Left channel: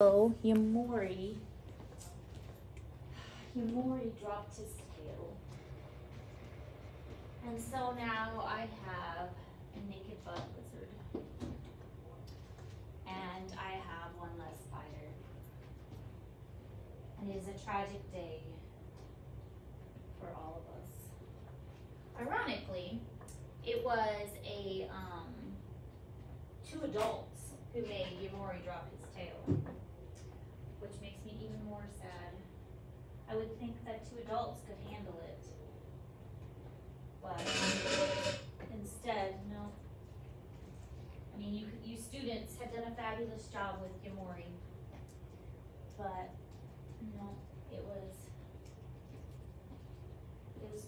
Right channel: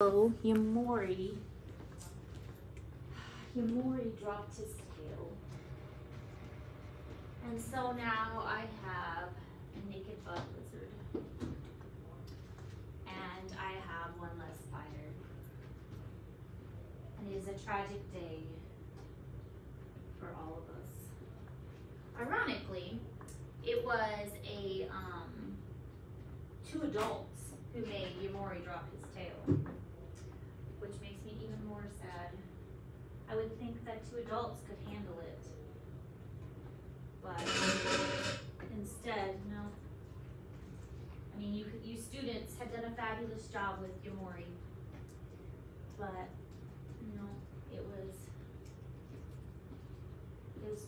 So Yamori dropped his tail. And so now I have a naked bud lizard. And I have one less spider. And it is a tragic day for all of us. Ironically, it was two adults who made Yamori drop his tail, which makes me even more sad. I would think that two adults could handle it, but instead, no. I mean, you students had done a fabulous job with Yamori, but no, it was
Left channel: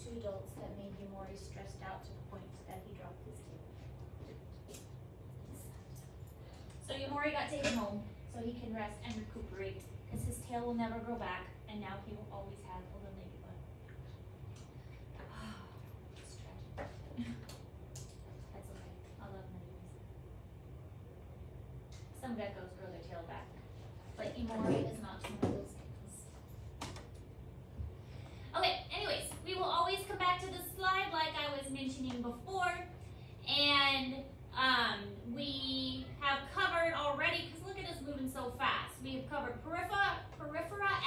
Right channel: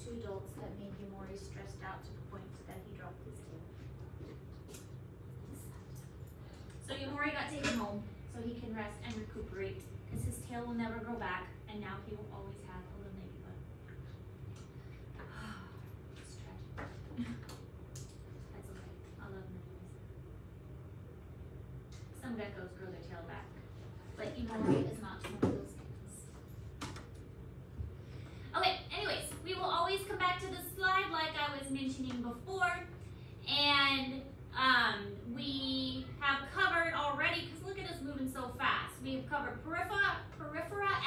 two adults that made Yamori stressed out to the point that he dropped his tail. So Yamori got taken home so he can rest and recuperate, because his tail will never grow back, and now he will always have a little naked bud. It's tragic. That's okay. I love names. Some geckos grow their tail back, but Yamori is not one of those things. Okay, anyways, we will always come back to this slide like I was mentioning before, and we have covered already, because look at us moving so fast. We have covered periphery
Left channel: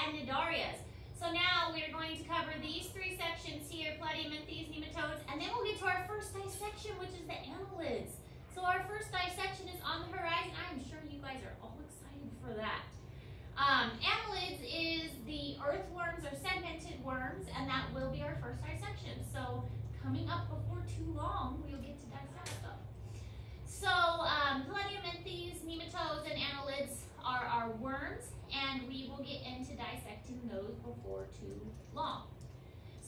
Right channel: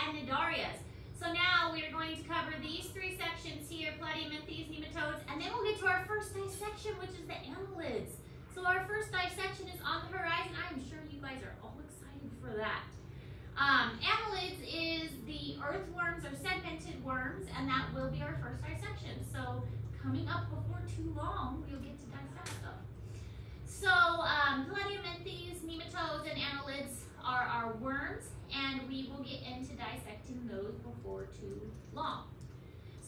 and nidarias. So now we are going to cover these three sections here, platyhelminthes, nematodes, and then we'll get to our first dissection, which is the annelids. So our first dissection is on the horizon. I'm sure you guys are all excited for that. Annelids is the earthworms or segmented worms, and that will be our first dissection. So coming up before too long, we'll get to dissect stuff. So platyhelminthes, nematodes, and annelids are our worms, and we will get into dissecting those before too long.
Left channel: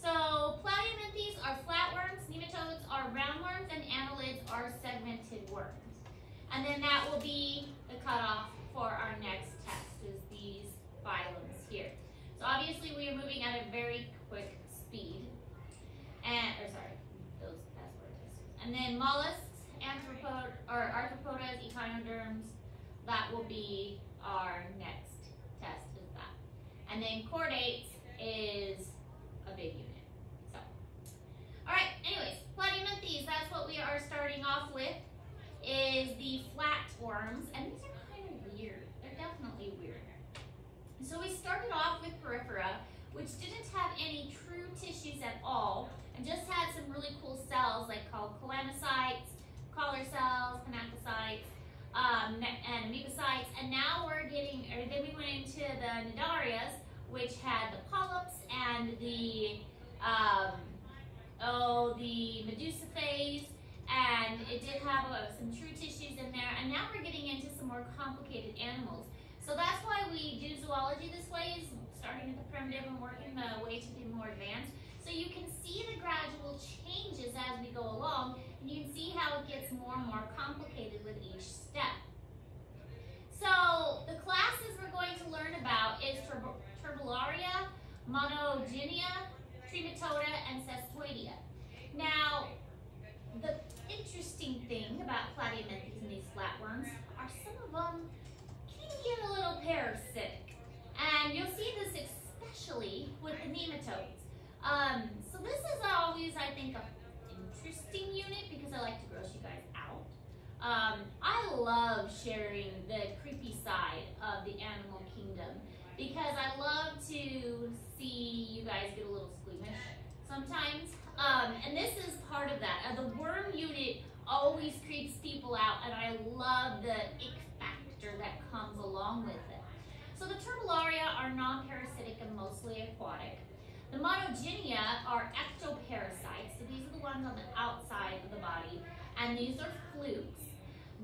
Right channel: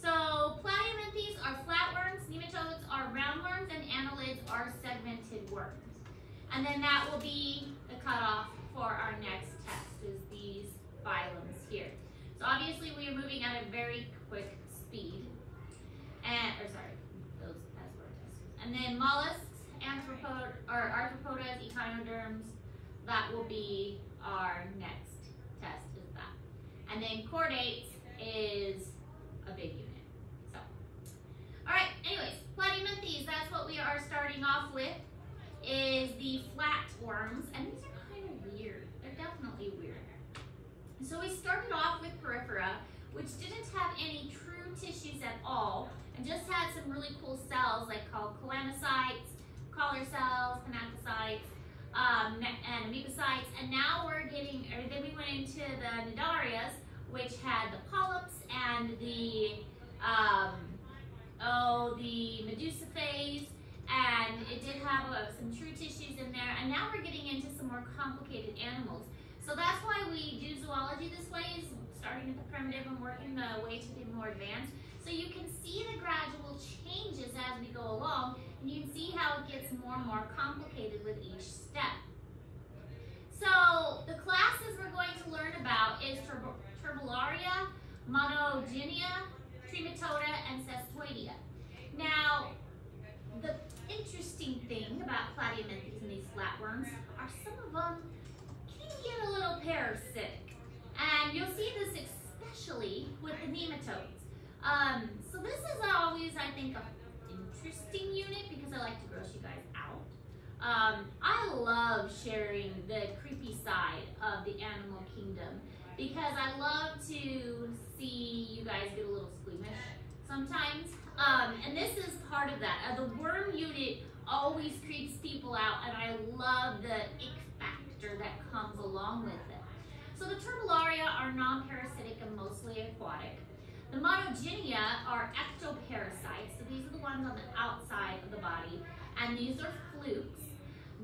So platyhelminthes are flatworms, nematodes are roundworms, and annelids are segmented worms. And then that will be the cutoff for our next test, is these phylums here. So obviously we are moving at a very quick speed. Those password testers. And then mollusks, arthropodas, echinoderms, that will be our next test, is that. And then chordates is a big unit. So, all right, anyways, platyhelminthes, that's what we are starting off with, is the flatworms, and these are kind of weird. They're definitely weird. So we started off with periphery, which didn't have any true tissues at all, and just had some really cool cells like called chelanocytes, collar cells, canacocytes, and mucocytes, and now then we went into the nidarias, which had the polyps and the medusa phase, and it did have some true tissues in there, and now we're getting into some more complicated animals. So that's why we do zoology this way, is starting at the primitive and working the way to the more advanced. So you can see the gradual changes as we go along, and you can see how it gets more and more complicated with each step. So the classes we're going to learn about is Turbellaria, Monogynia, Trematoda, and Cestoidea. Now, the interesting thing about platyhelminthes and these flatworms are some of them can get a little parasitic. And you'll see this especially with the nematodes. So this is always, I think, an interesting unit because I like to gross you guys out. I love sharing the creepy side of the animal kingdom because I love to see you guys get a little squeamish sometimes. And this is part of that. The worm unit always creeps people out, and I love the ick factor that comes along with it. So the Turbellaria are non-parasitic and mostly aquatic. The Monogynia are ectoparasites, so these are the ones on the outside of the body, and these are flukes.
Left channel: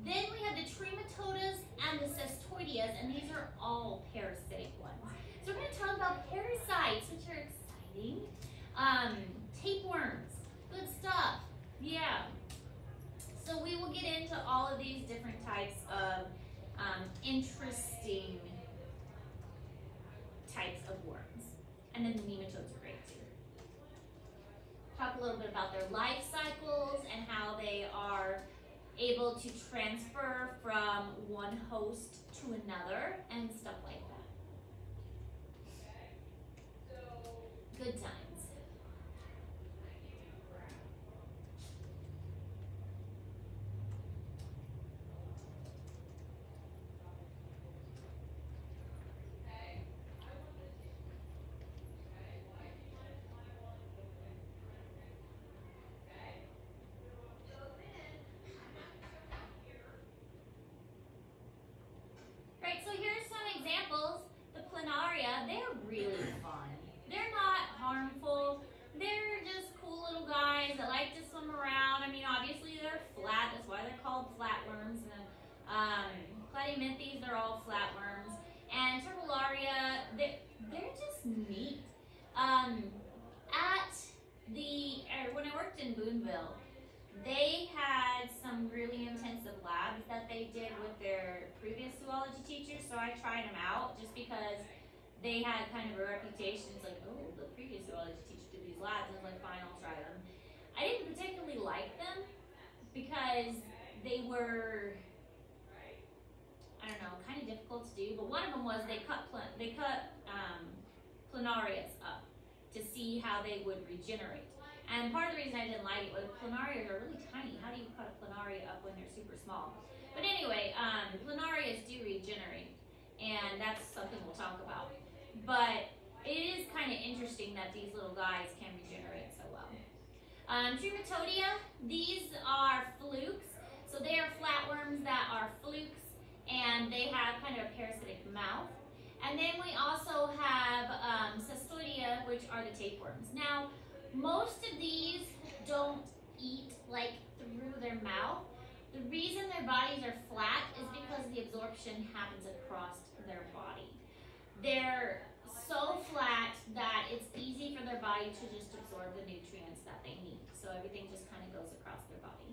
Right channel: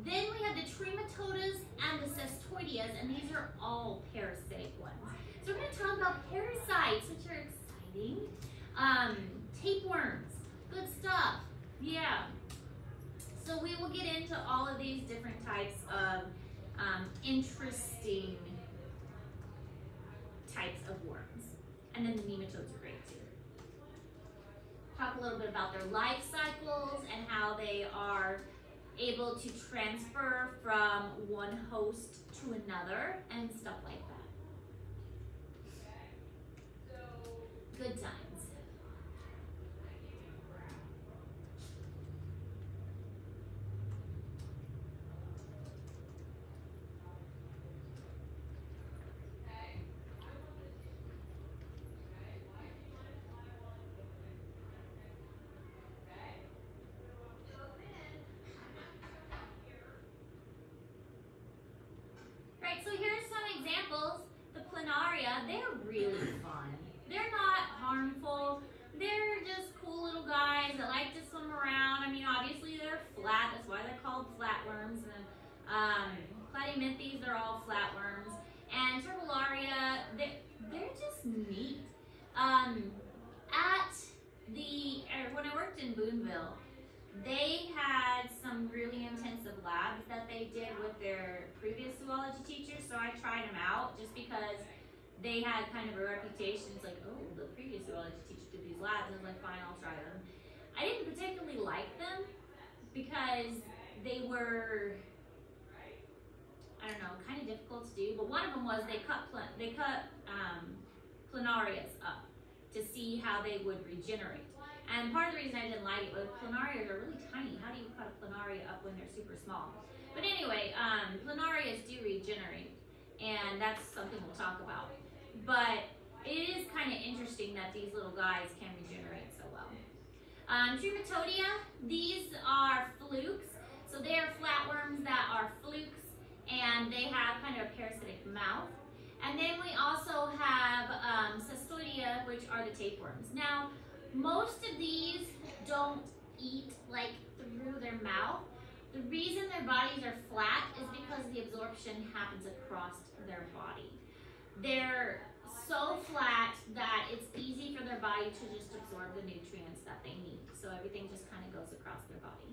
Then we have the Trematodas and the Cestoideas, and these are all parasitic ones. So we're going to talk about parasites, which are exciting. Tapeworms, good stuff, yeah. So we will get into all of these different types of interesting types of worms. And then the nematodes are great too. Talk a little bit about their life cycles and how they are able to transfer from one host to another and stuff like that. Good times. Right, so here's some examples. The planaria, they're really fun. They're not harmful. They're just cool little guys that like to swim around. I mean, obviously they're flat. That's why they're called flatworms. And Platyhelminthes, they're all flatworms. And Turbellaria, they're just neat. When I worked in Boonville, they had some really intensive labs that they did with their previous zoology teachers, so I tried them out just because they had kind of a reputation. It's like, oh, the previous zoology teacher did these labs, and I was like, fine, I'll try them. I didn't particularly like them because they were, I don't know, kind of difficult to do, but one of them was they cut planarias up to see how they would regenerate. And part of the reason I didn't like it was planarias are really tiny. How do you cut a planaria up when they're super small? But anyway, planarias do regenerate, and that's something we'll talk about. But it is kind of interesting that these little guys can regenerate so well. Trematodia, these are flukes. So they are flatworms that are flukes, and they have kind of a parasitic mouth. And then we also have Cestoidea, which are the tapeworms. Now, most of these don't eat like through their mouth. The reason their bodies are flat is because the absorption happens across their body. They're so flat that it's easy for their body to just absorb the nutrients that they need. So everything just kind of goes across their body.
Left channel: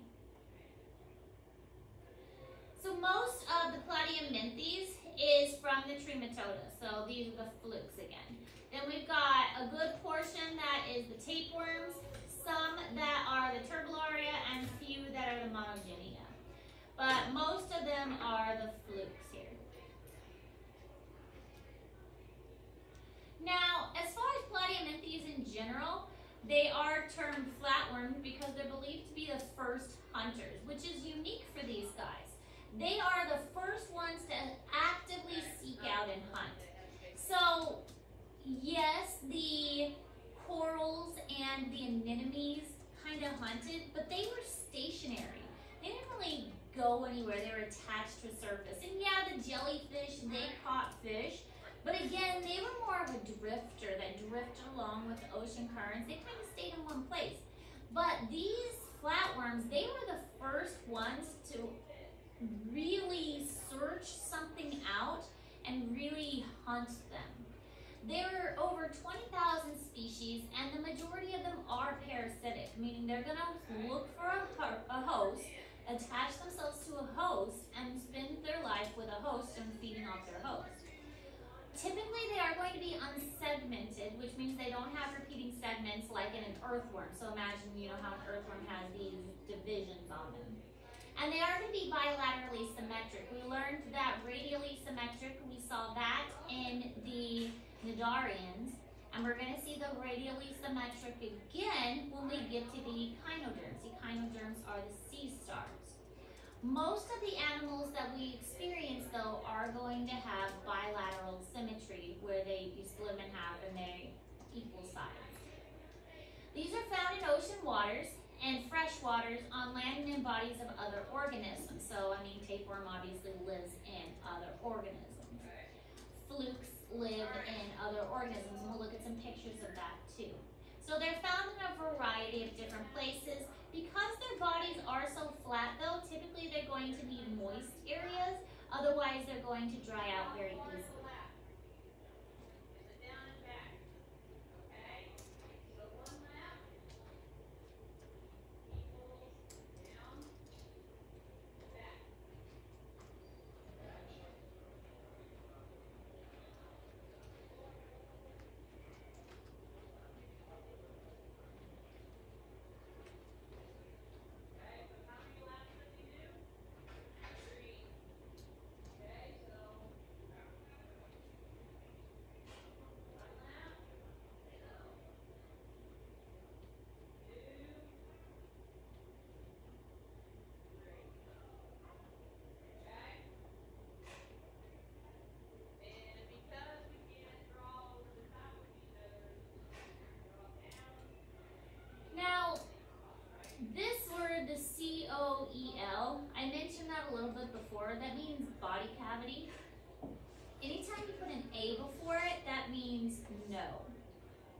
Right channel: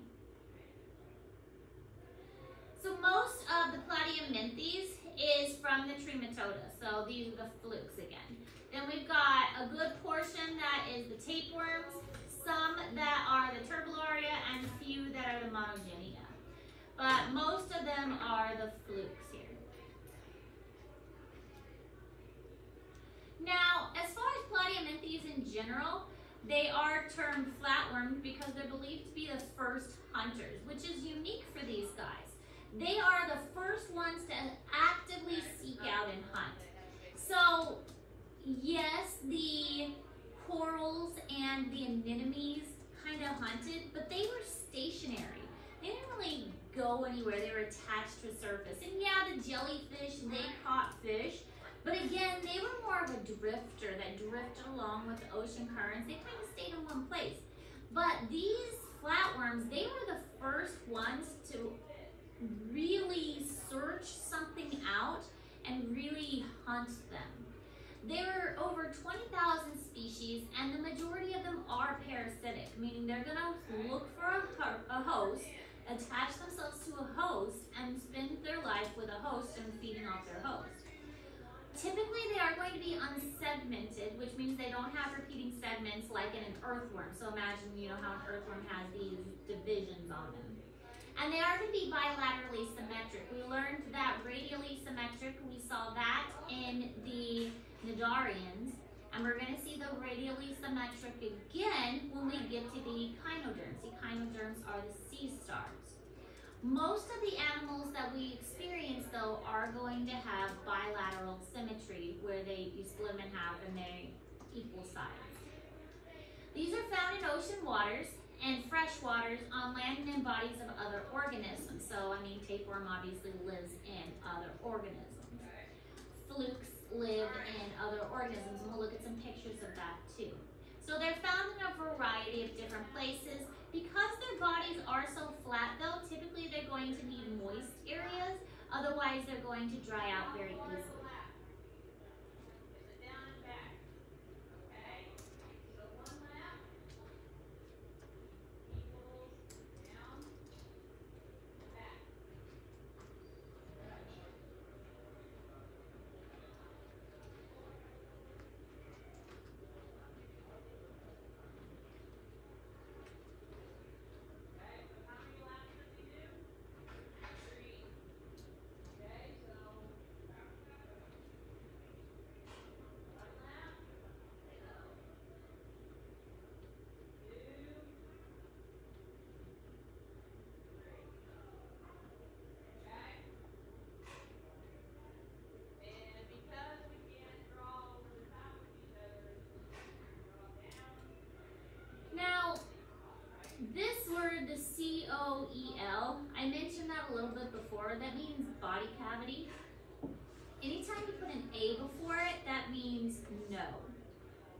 So most of the Platyhelminthes is from the Trematoda. So these are the flukes again. Then we've got a good portion that is the tapeworms, some that are the Turbellaria, and a few that are the Monogenia. But most of them are the flukes here. Now, as far as Platyhelminthes in general, they are termed flatworms because they're believed to be the first hunters, which is unique for these guys. They are the first ones to actively seek out and hunt. So, yes, the corals and the anemones kind of hunted, but they were stationary. They didn't really go anywhere. They were attached to a surface. And yeah, the jellyfish, they caught fish, but again, they were more of a drifter that drifted along with the ocean currents. They kind of stayed in one place. But these flatworms, they were the first ones to really search something out and really hunt them. There are over 20,000 species, and the majority of them are parasitic, meaning they're going to look for a host, attach themselves to a host, and spend their life with a host and feeding off their host. Typically, they are going to be unsegmented, which means they don't have repeating segments like in an earthworm. So imagine, you know, how an earthworm has these divisions on them. And they are to be bilaterally symmetric. We learned that radially symmetric. We saw that in the Cnidarians, and we're going to see the radially symmetric again when we get to the echinoderms. Echinoderms are the sea stars. Most of the animals that we experience, though, are going to have bilateral symmetry, where you split them in half and they're equal size. These are found in ocean waters and fresh waters, on land and in bodies of other organisms. So, I mean, tapeworm obviously lives in other organisms. Flukes live in other organisms, and we'll look at some pictures of that too. So they're found in a variety of different places. Because their bodies are so flat though, typically they're going to need moist areas, otherwise they're going to dry out very easily.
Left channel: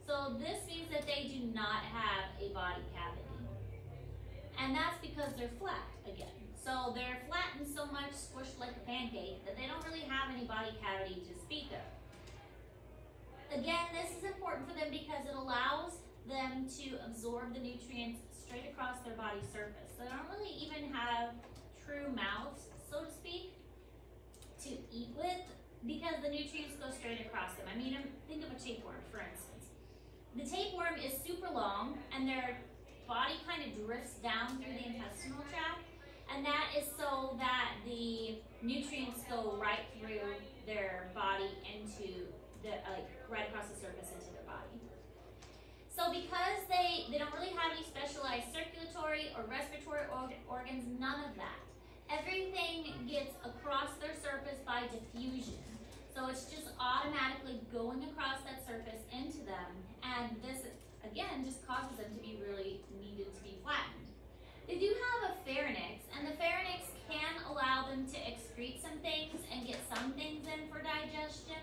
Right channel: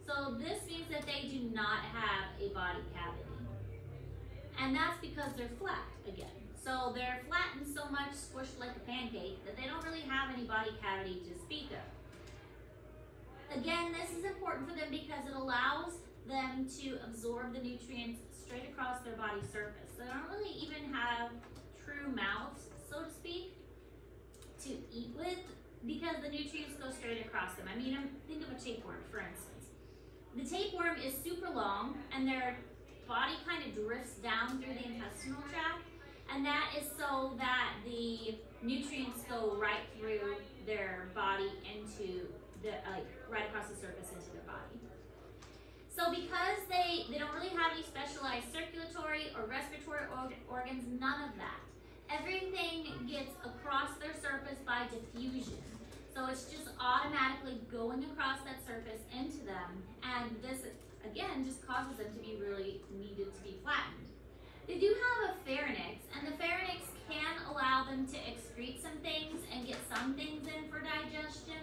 So this means that they do not have a body cavity. And that's because they're flat again. So they're flattened so much, squished like a pancake, that they don't really have any body cavity to speak of. Again, this is important for them because it allows them to absorb the nutrients straight across their body surface. So they don't really even have true mouths, so to speak, to eat with, because the nutrients go straight across them. I mean, think of a tapeworm, for instance. The tapeworm is super long, and their body kind of drifts down through the intestinal tract, and that is so that the nutrients go right through their body into the, right across the surface into their body. So because they don't really have any specialized circulatory or respiratory organs, none of that. Everything gets across their surface by diffusion. So it's just automatically going across that surface into them, and this, again, just causes them to be really needed to be flattened. They do have a pharynx, and the pharynx can allow them to excrete some things and get some things in for digestion,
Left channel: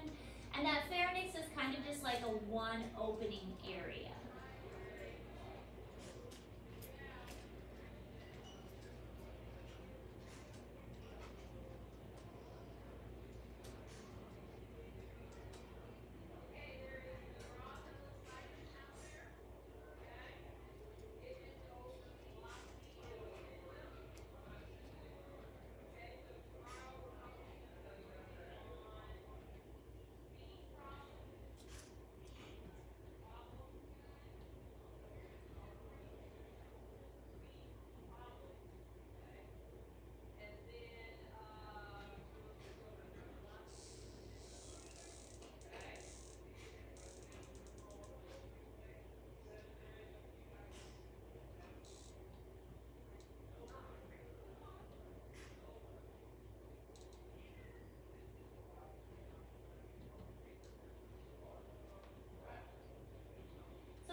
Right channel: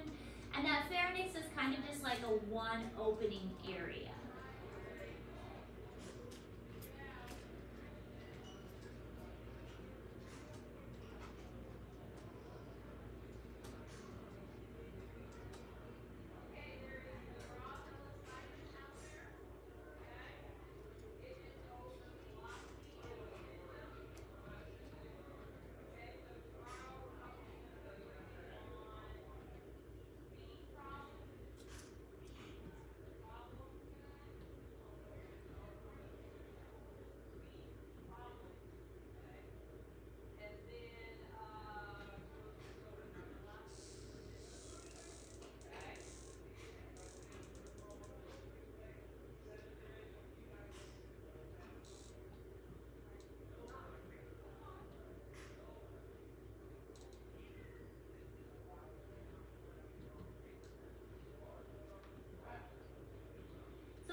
and that pharynx is kind of just like a one opening area.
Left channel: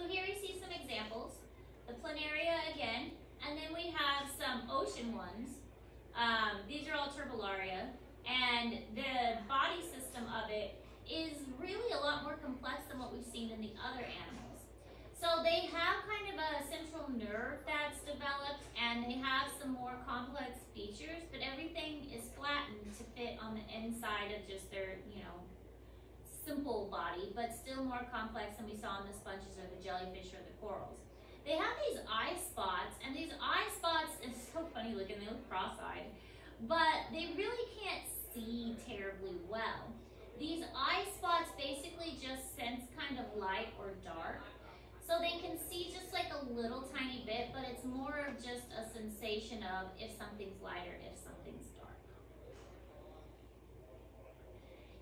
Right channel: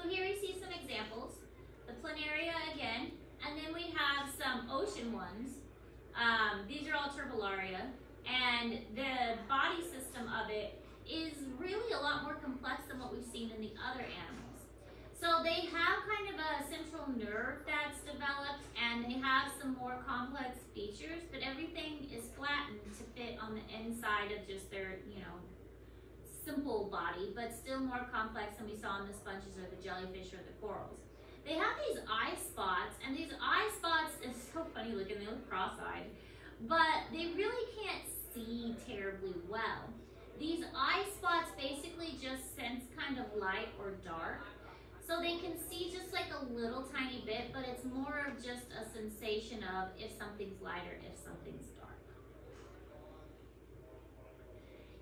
So here we see some examples. The planaria again, and then we have some ocean ones. These are all turbellaria, and the body system of it is really a lot more complex than what we've seen in the other animals. So they have kind of a central nerve that's developed, and they have some more complex features, but everything is flattened to fit on the inside of just their, simple body, but still more complex than we saw in the sponges or the jellyfish or the corals. They have these eye spots, and these eye spots, it's so funny looking, they look cross-eyed, but they really can't see terribly well. These eye spots basically just sense kind of light or dark, so they can see just like a little tiny bit, but it's more of just a sensation of if something's light or if something's dark.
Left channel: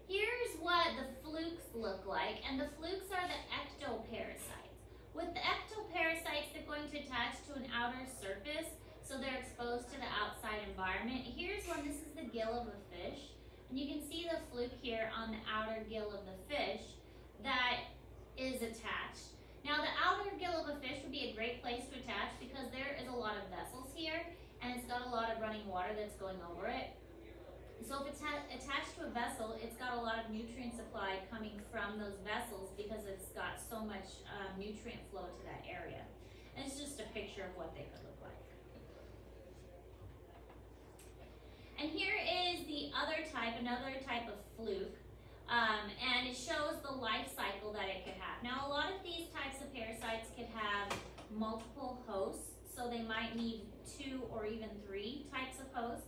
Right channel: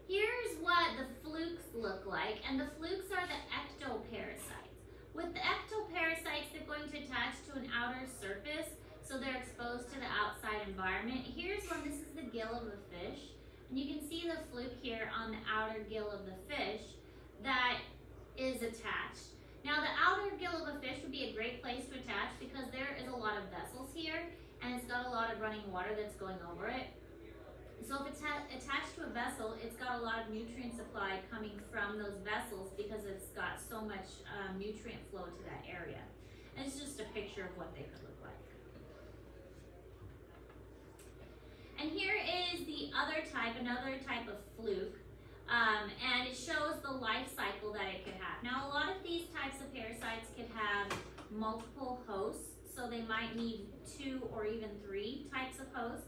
Here's what the flukes look like, and the flukes are the ectoparasites. With the ectoparasites, they're going to attach to an outer surface, so they're exposed to the outside environment. Here's one, this is the gill of a fish, and you can see the fluke here on the outer gill of the fish that is attached. Now the outer gill of a fish would be a great place to attach because there is a lot of vessels here, and it's got a lot of running water that's going over it. So if it's attached to a vessel, it's got a lot of nutrient supply coming from those vessels because it's got so much nutrient flow to that area. And it's just a picture of what they could look like. And here is the other type, another type of fluke, and it shows the life cycle that it could have. Now a lot of these types of parasites could have multiple hosts, so they might need 2 or even 3 types of hosts.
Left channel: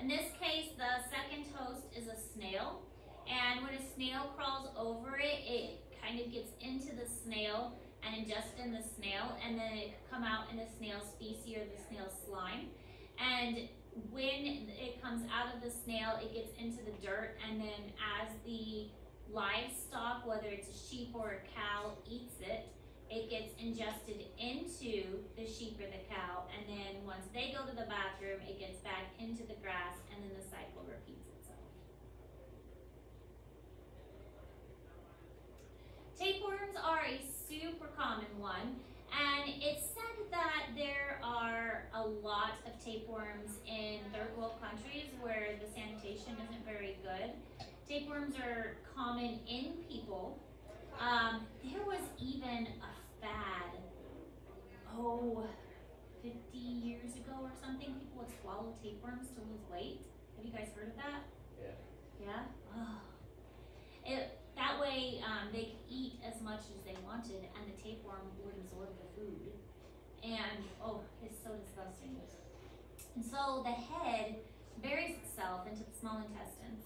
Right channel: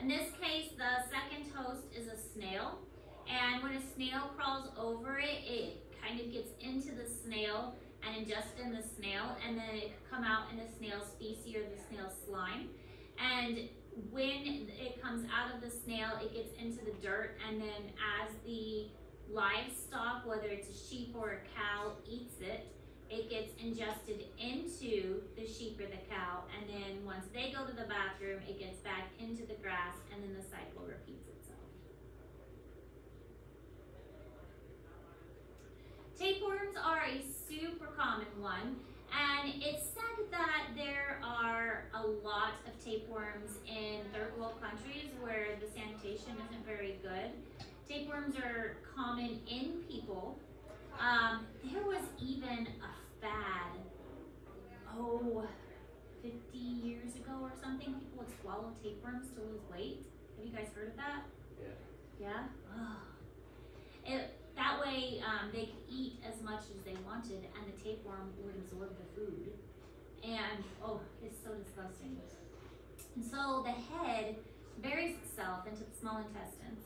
In this case, the second host is a snail, and when a snail crawls over it, it kind of gets into the snail and ingests in the snail, and then it come out in the snail's feces or the snail's slime. And when it comes out of the snail, it gets into the dirt, and then as the livestock, whether it's a sheep or a cow, eats it, it gets ingested into the sheep or the cow, and then once they go to the bathroom, it gets back into the grass, and then the cycle repeats itself. Tapeworms are a super common one, and it's said that there are a lot of tapeworms in third world countries where the sanitation isn't very good. Tapeworms are common in people. There was even a fad, 50 years ago or something, people would swallow tapeworms to lose weight. Have you guys heard of that? Yeah? Oh. That way they could eat as much as they wanted and the tapeworm would absorb the food. And, it's so disgusting. And so the head buries itself into the small intestines,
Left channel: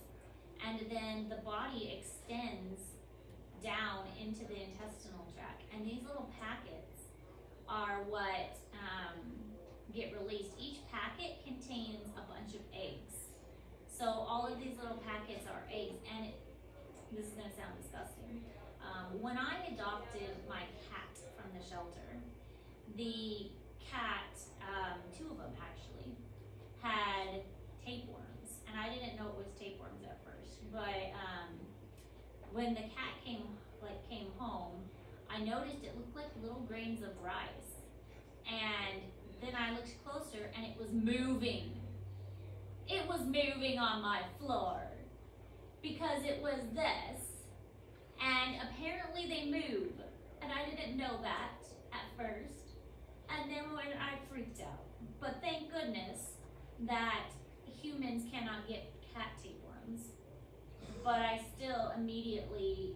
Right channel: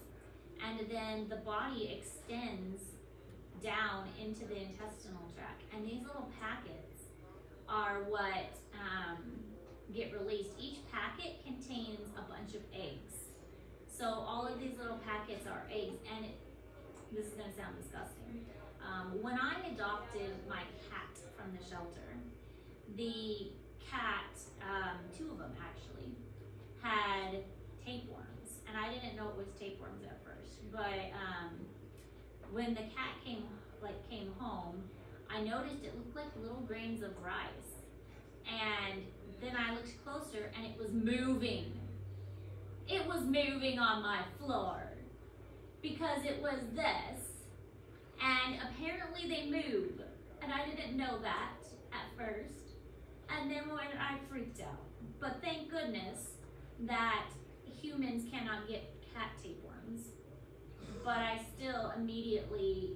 and then the body extends down into the intestinal tract. And these little packets are what get released. Each packet contains a bunch of eggs. So all of these little packets are eggs, and this is gonna sound disgusting. When I adopted my cat from the shelter, the cat, two of them actually, had tapeworms, and I didn't know it was tapeworms at first, but when the cat came home, I noticed it looked like little grains of rice, and then I looked closer and it was moving. It was moving on my floor because it was this, and apparently they move, and I didn't know that at first, and then when I freaked out. But thank goodness that humans cannot get cat tapeworms, but I still immediately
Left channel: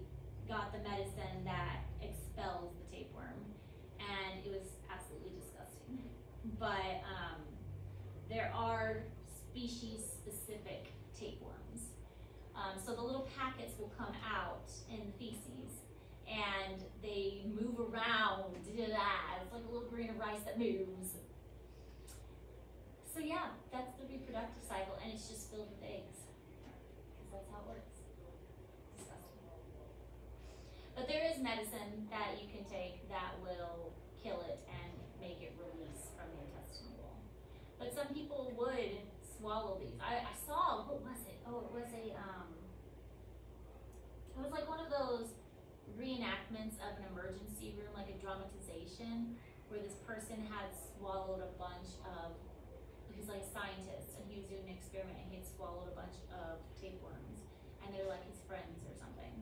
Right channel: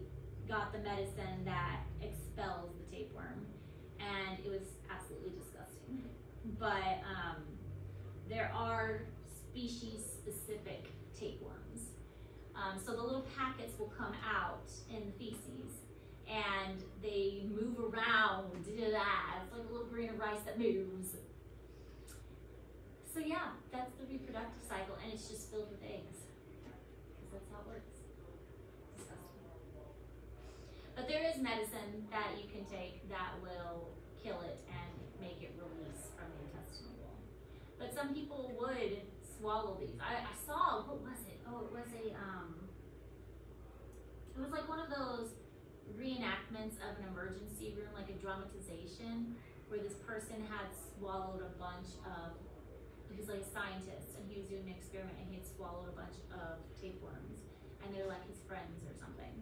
got the medicine that expels the tapeworm, and it was absolutely disgusting. But there are species-specific tapeworms. So the little packets will come out in feces, and they move around. It's like a little grain of rice that moves. So yeah, that's the reproductive cycle, and it's just filled with eggs. Because that's how it works. Disgusting. But there is medicine that you can take that will kill it and make it release from the intestinal wall. But some people would swallow these. I saw, what was it? Oh, it was like one of those reenactments of an emergency room, like a dramatization, where this person had swallowed a bunch of, he was like a scientist, and he was doing an experiment, and he had swallowed a bunch of tapeworms, and they're like his friends or something.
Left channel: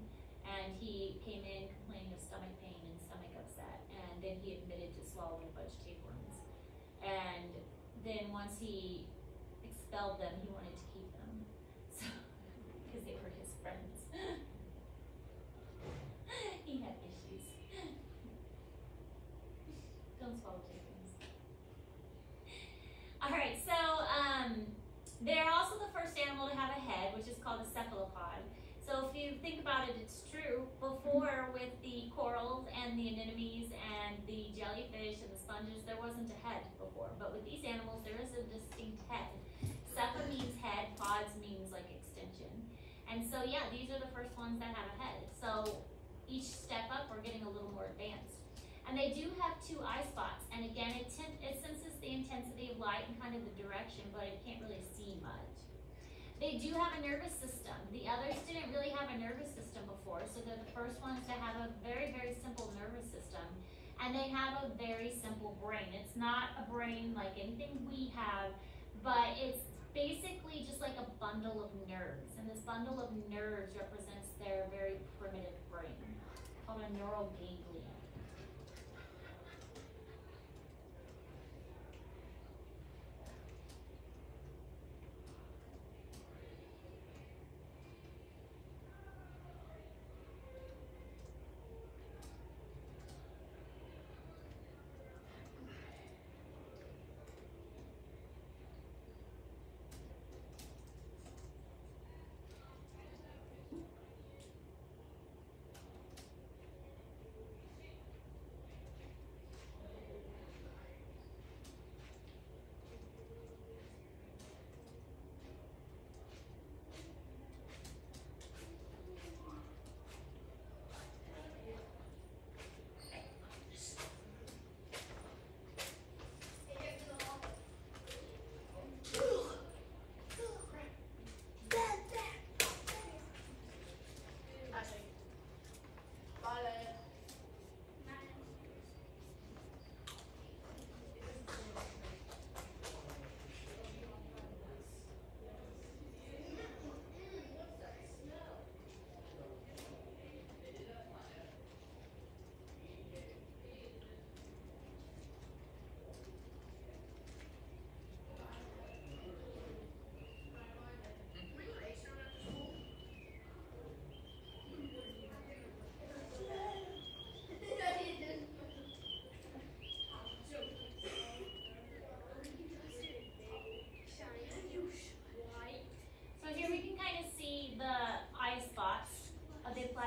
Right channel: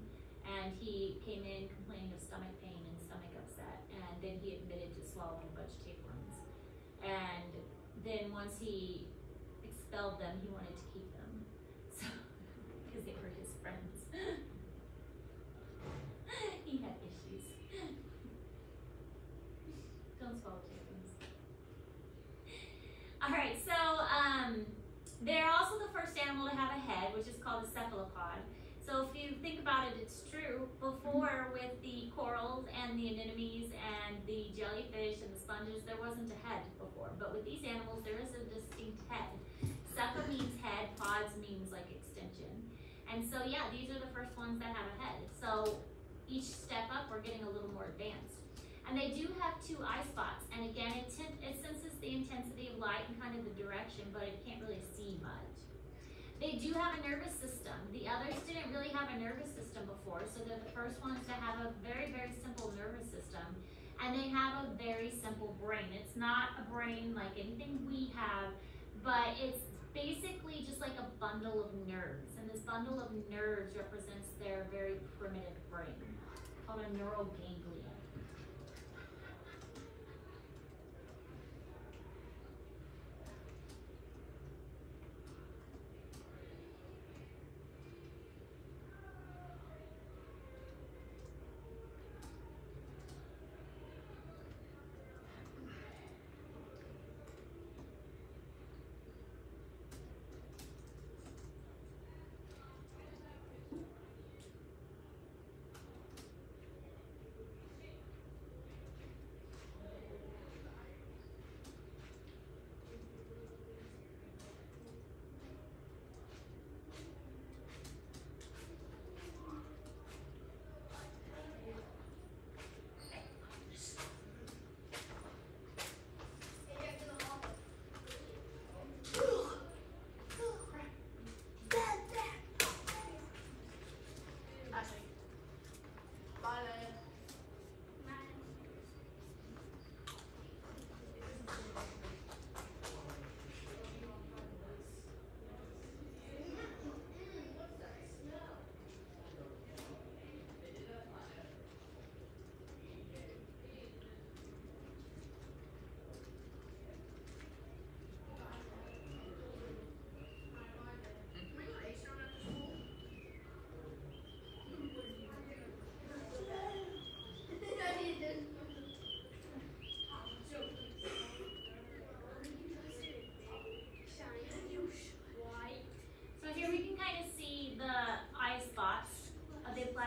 And he came in complaining of stomach pain and stomach upset, and then he admitted to swallowing a bunch of tapeworms. And then once he expelled them, he wanted to keep them, so because they were his friends. He had issues. Don't swallow tapeworms. All right, so they're also the first animal to have a head, which is called a cephalopod. So if you think about it, it's true. Before, with the corals and the anemones and the jellyfish and the sponges, there wasn't a head before. But with these animals, there is a distinct head. Cepha means head, pods means like extension. And so yeah, these are the first ones that have a head. So each step up, we're getting a little more advanced. And they do have 2 eye spots. And again, it senses the intensity of light and kind of the direction, but it can't really see much. They do have a nervous system. The others didn't really have a nervous system before, so they're the first ones to have a very, very simple nervous system. And they have a very simple brain. It's not a brain like anything we have, but it's basically just like a bundle of nerves. And this bundle of nerves represents their very primitive brain, called a neural ganglion.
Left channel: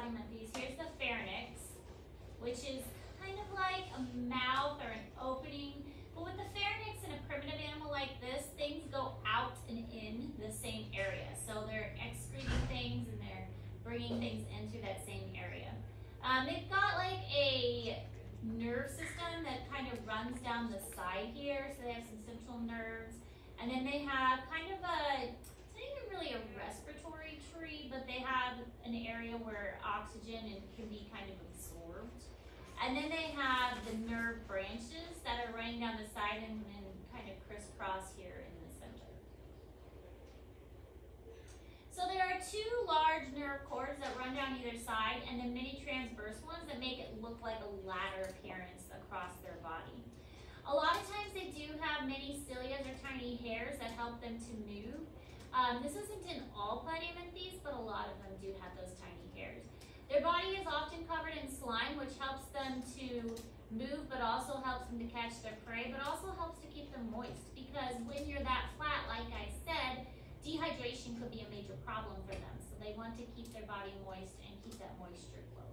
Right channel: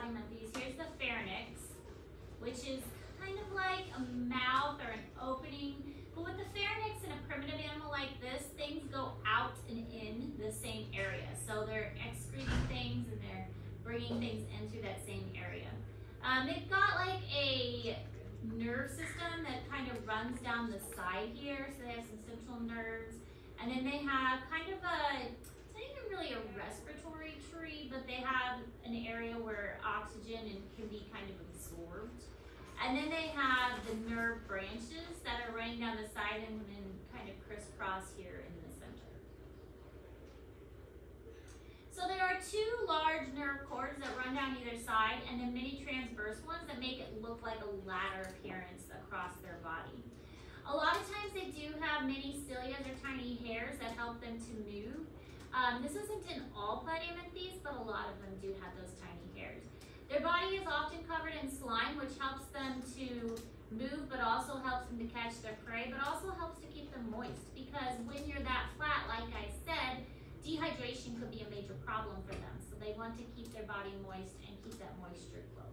Platyhelminthes. Here's the pharynx, which is kind of like a mouth or an opening. But with the pharynx in a primitive animal like this, things go out and in the same area. So they're excreting things and they're bringing things into that same area. They've got like a nerve system that kind of runs down the side here. So they have some central nerves. And then they have kind of a, it's not even really a respiratory tree, but they have an area where oxygen can be kind of absorbed. And then they have the nerve branches that are running down the side and then kind of crisscross here in the center. So there are two large nerve cords that run down either side and then many transverse ones that make it look like a ladder appearance across their body. A lot of times they do have many cilias or tiny hairs that help them to move. This isn't in all Platyhelminthes, but a lot of them do have those tiny hairs. Their body is often covered in slime, which helps them to move, but also helps them to catch their prey, but also helps to keep them moist, because when you're that flat, like I said, dehydration could be a major problem for them. So they want to keep their body moist and keep that moisture close.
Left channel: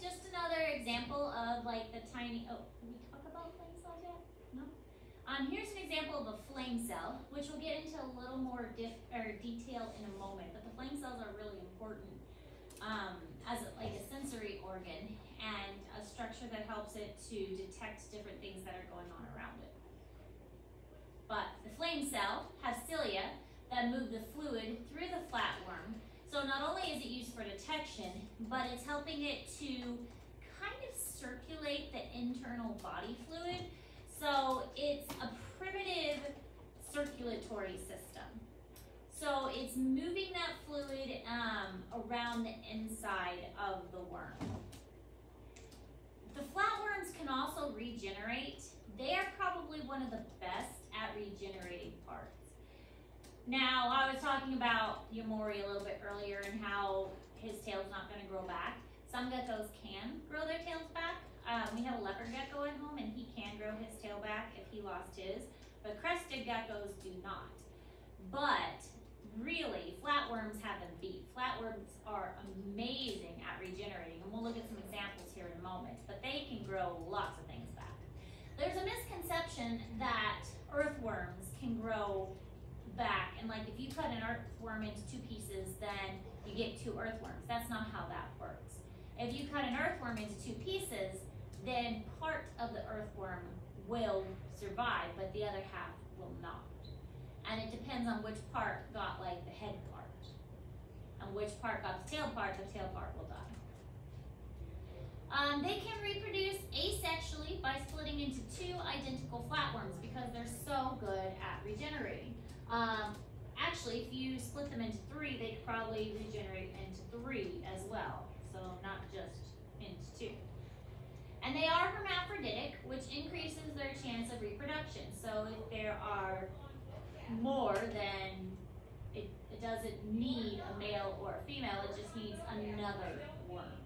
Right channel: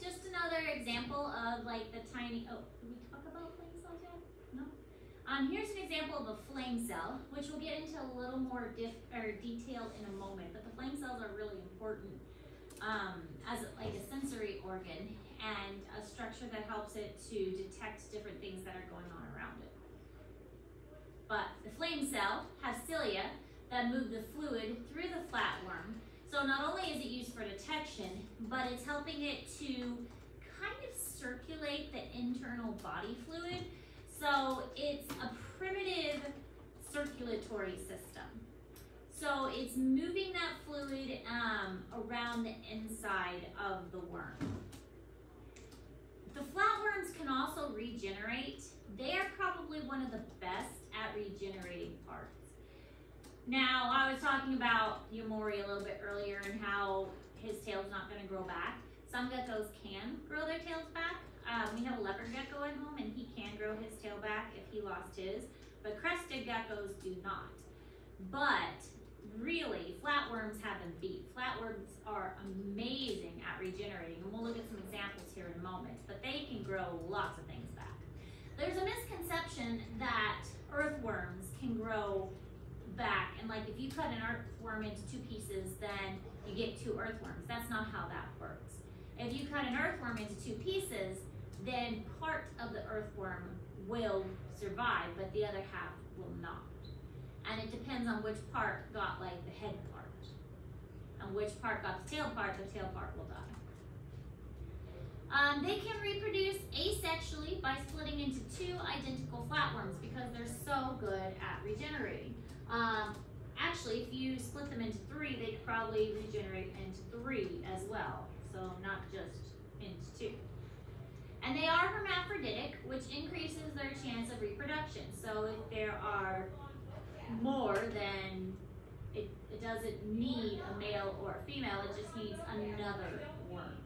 Just another example of like the tiny, oh, did we talk about flame cells yet? No? Here's an example of a flame cell, which we'll get into a little more detail in a moment, but the flame cells are really important as like a sensory organ and a structure that helps it to detect different things that are going on around it. But the flame cell has cilia that move the fluid through the flatworm. So not only is it used for detection, but it's helping it to kind of circulate the internal body fluid. So it's a primitive circulatory system. So it's moving that fluid around the inside of the worm. The flatworms can also regenerate. They are probably one of the best at regenerating parts. Now, I was talking about Yamori a little bit earlier and how his tail's not going to grow back. Some geckos can grow their tails back. We have a leopard gecko at home and he can grow his tail back if he lost his, but crested geckos do not. But really, flatworms have them beat. Flatworms are amazing at regenerating, and we'll look at some examples here in a moment, but they can grow lots of things back. There's a misconception that earthworms can grow back, and like if you cut an earthworm into two pieces, then you get two earthworms. That's not how that works. If you cut an earthworm into two pieces, then part of the earthworm will survive, but the other half will not. And it depends on which part got like the head part, and which part got the tail part will die. They can reproduce asexually by splitting into two identical flatworms because they're so good at regenerating. Actually, if you split them into 3, they could probably regenerate into 3 as well. So not just into 2. And they are hermaphroditic, which increases their chance of reproduction. So if there are more, then it doesn't need a male or a female, it just needs another worm.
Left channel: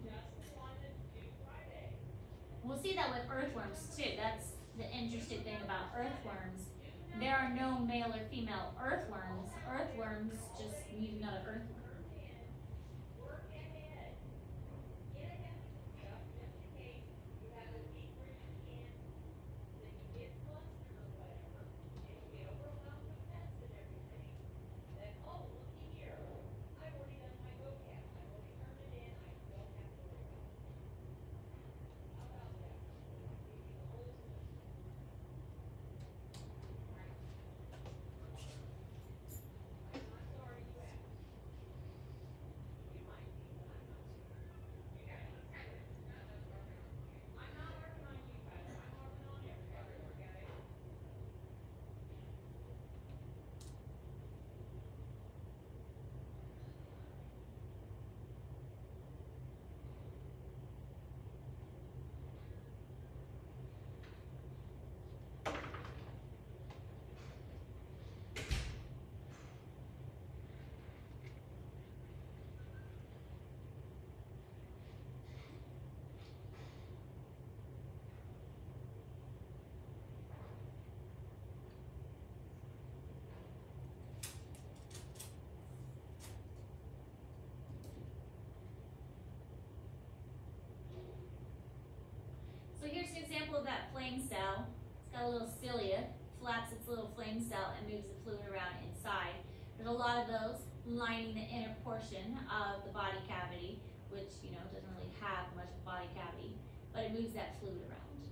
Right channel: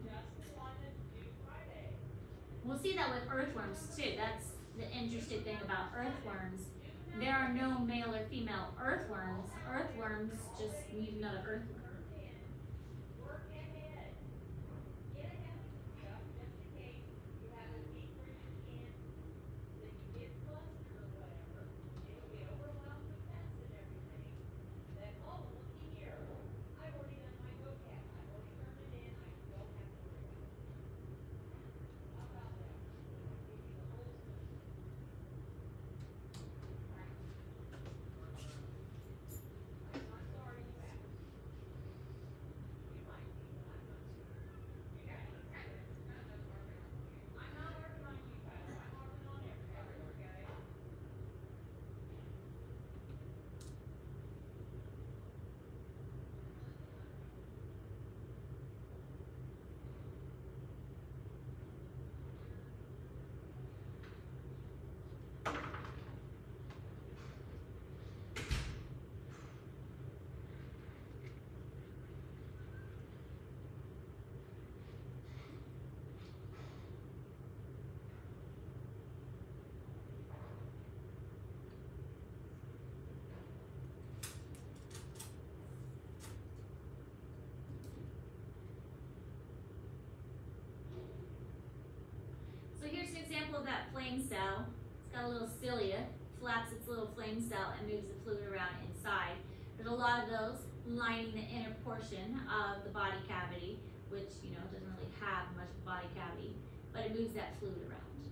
We'll see that with earthworms too. That's the interesting thing about earthworms. There are no male or female earthworms. Earthworms just need another earthworm. So here's an example of that flame cell. It's got a little cilia, flaps its little flame cell and moves the fluid around inside. There's a lot of those lining the inner portion of the body cavity, which doesn't really have much body cavity, but it moves that fluid around.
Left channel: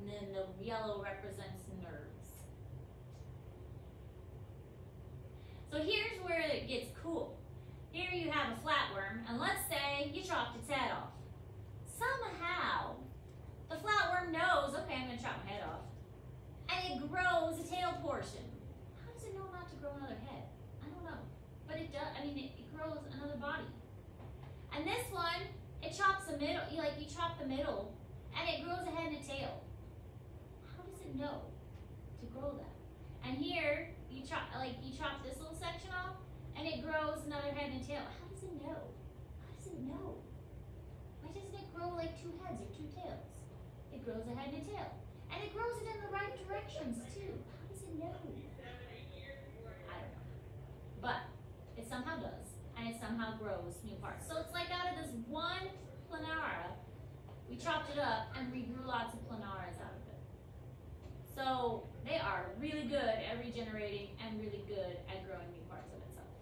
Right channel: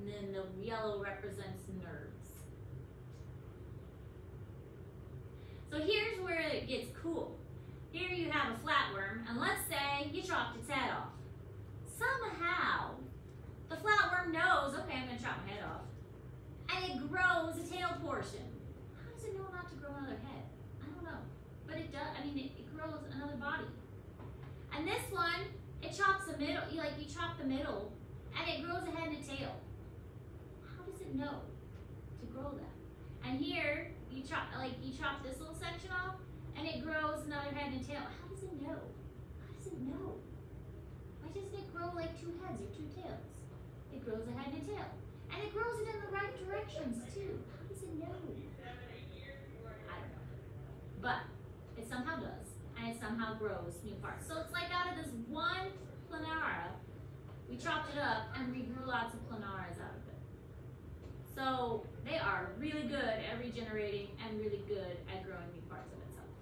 And then the yellow represents nerves. So here's where it gets cool. Here you have a flatworm, and let's say you chopped its head off. Somehow, the flatworm knows, okay, I'm going to chop my head off. And it grows a tail portion. How does it know not to grow another head? I don't know. But it does, it grows another body. And this one, it chops the middle, you chop the middle, and it grows a head and a tail. How does it know to grow that? And here, you chop this little section off, and it grows another head and a tail. How does it know? How does it know? Why doesn't it grow like 2 heads or 2 tails? It grows a head and a tail. And it grows it in the right directions too. How does it know? I don't know. But it somehow does. And it somehow grows new parts. So it's like out of this one planara, we chopped it up and we grew lots of planaras out of it. So they are really good at regenerating and really good at growing new parts of itself.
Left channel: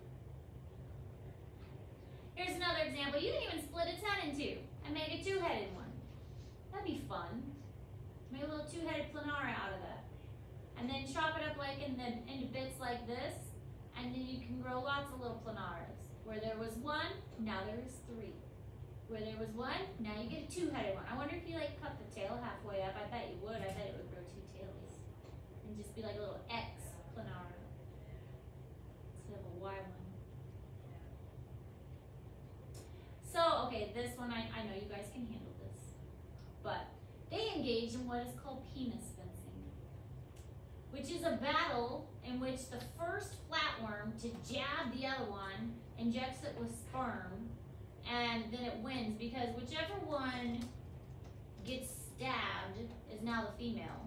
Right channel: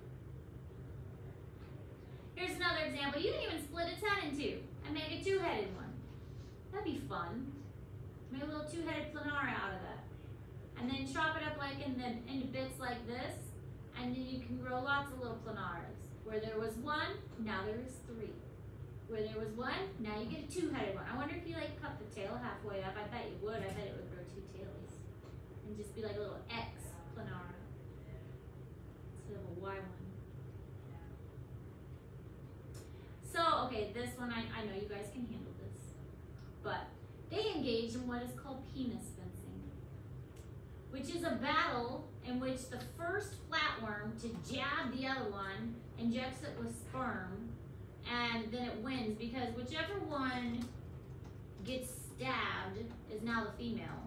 Here's another example. You can even split its head in 2 and make a 2-headed one. That'd be fun. Make a little 2-headed planara out of that. And then chop it up into bits like this, and then you can grow lots of little planaras. Where there was 1, now there is 3. Where there was 1, now you get a 2-headed one. I wonder if you cut the tail halfway up. I bet you would. I bet it would grow 2 tails. And just be like a little X planara instead of a Y one. So, okay, this one, I know you guys can handle this. But they engage in what is called penis fencing, which is a battle in which the first flatworm to jab the other one injects it with sperm, and then it wins because whichever one gets stabbed is now the female.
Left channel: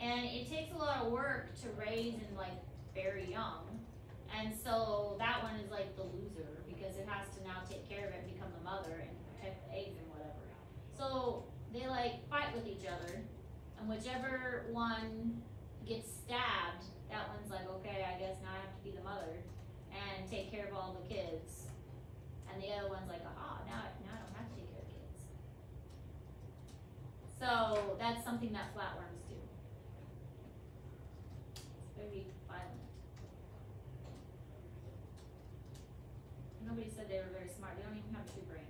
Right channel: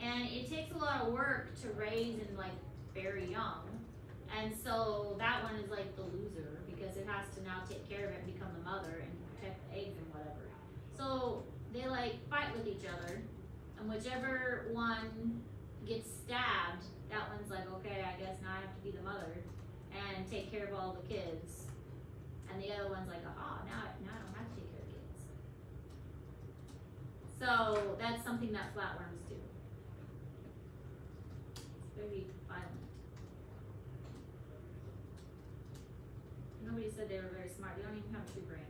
And it takes a lot of work to raise and very young. And so that one is the loser because it has to now take care of it and become the mother and protect the eggs and whatever. So they fight with each other, and whichever one gets stabbed, that one's okay, I guess now I have to be the mother and take care of all the kids. And the other one's now I don't have to take care of kids. So that's something that flatworms do. It's very violent. Nobody said they were very smart. They don't even have 2 brains.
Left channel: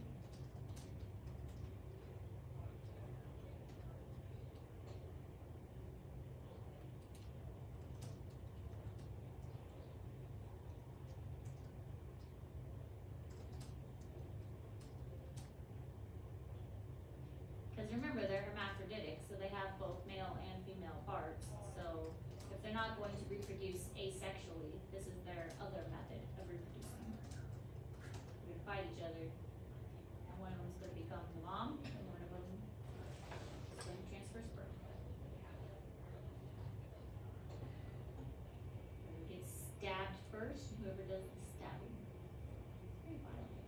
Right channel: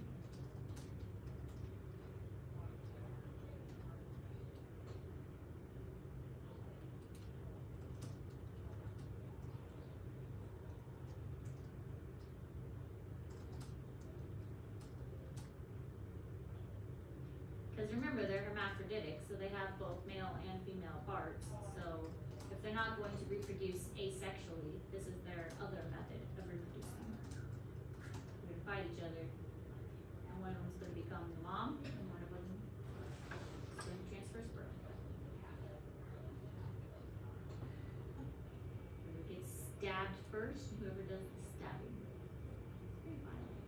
Because remember, they're hermaphroditic, so they have both male and female parts. So if they're not going to reproduce asexually, this is their other method of reproducing. They're going to fight each other, and one of them's going to become the mom, and one of them is going to transfer sperm. Whoever gets stabbed first, whoever does the stabbing. It's pretty violent.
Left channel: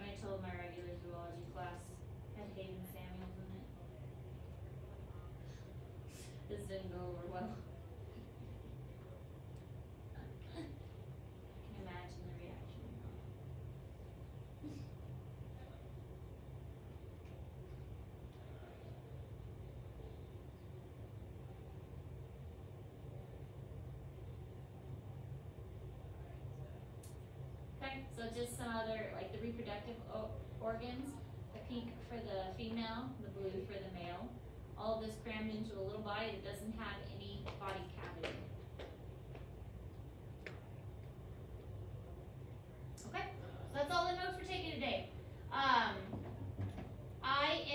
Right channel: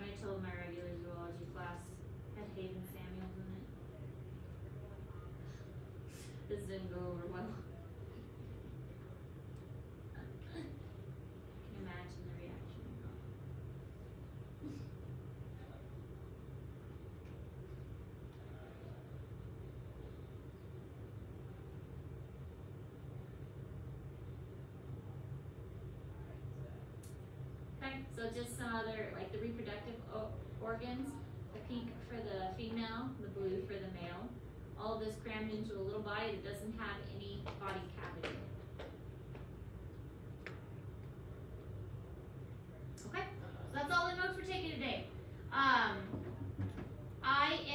I told my regular zoology class had Haven Samuels in it. This didn't go over well. I can imagine the reaction. Okay, so just some other, like the reproductive organs, the pink for the female, the blue for the male. All of this crammed into a little body that doesn't have any body cavity. Okay, so that's all the notes we're taking today. I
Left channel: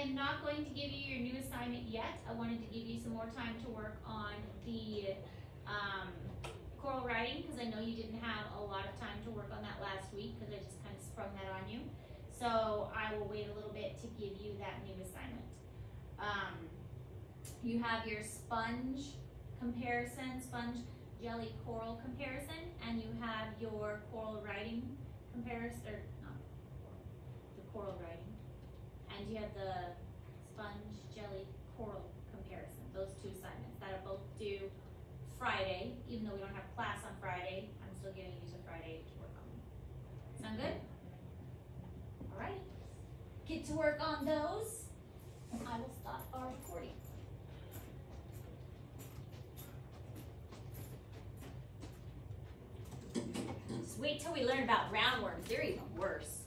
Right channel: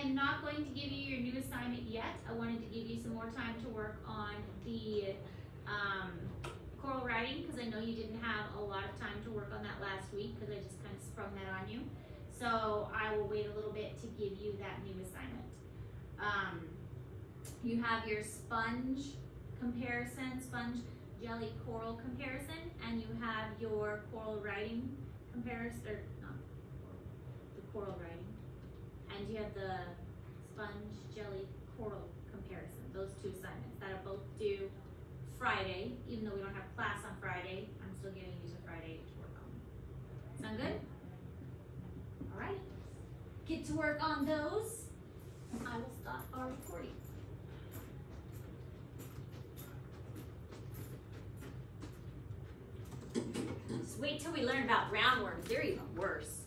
am not going to give you your new assignment yet. I wanted to give you some more time to work on the choral writing, because I know you didn't have a lot of time to work on that last week because I just kind of sprung that on you. So I will wait a little bit to give you that new assignment. You have your sponge comparison, sponge jelly coral comparison, and you have your coral writing comparison, or not the coral writing, and you have the sponge jelly coral comparison. Those two assignments that are both due Friday. Even though we don't have class on Friday, I'm still giving you to Friday to work on them. Sound good? All right. Get to work on those. I will stop our recording. Just wait till we learn about roundworms. They're even worse.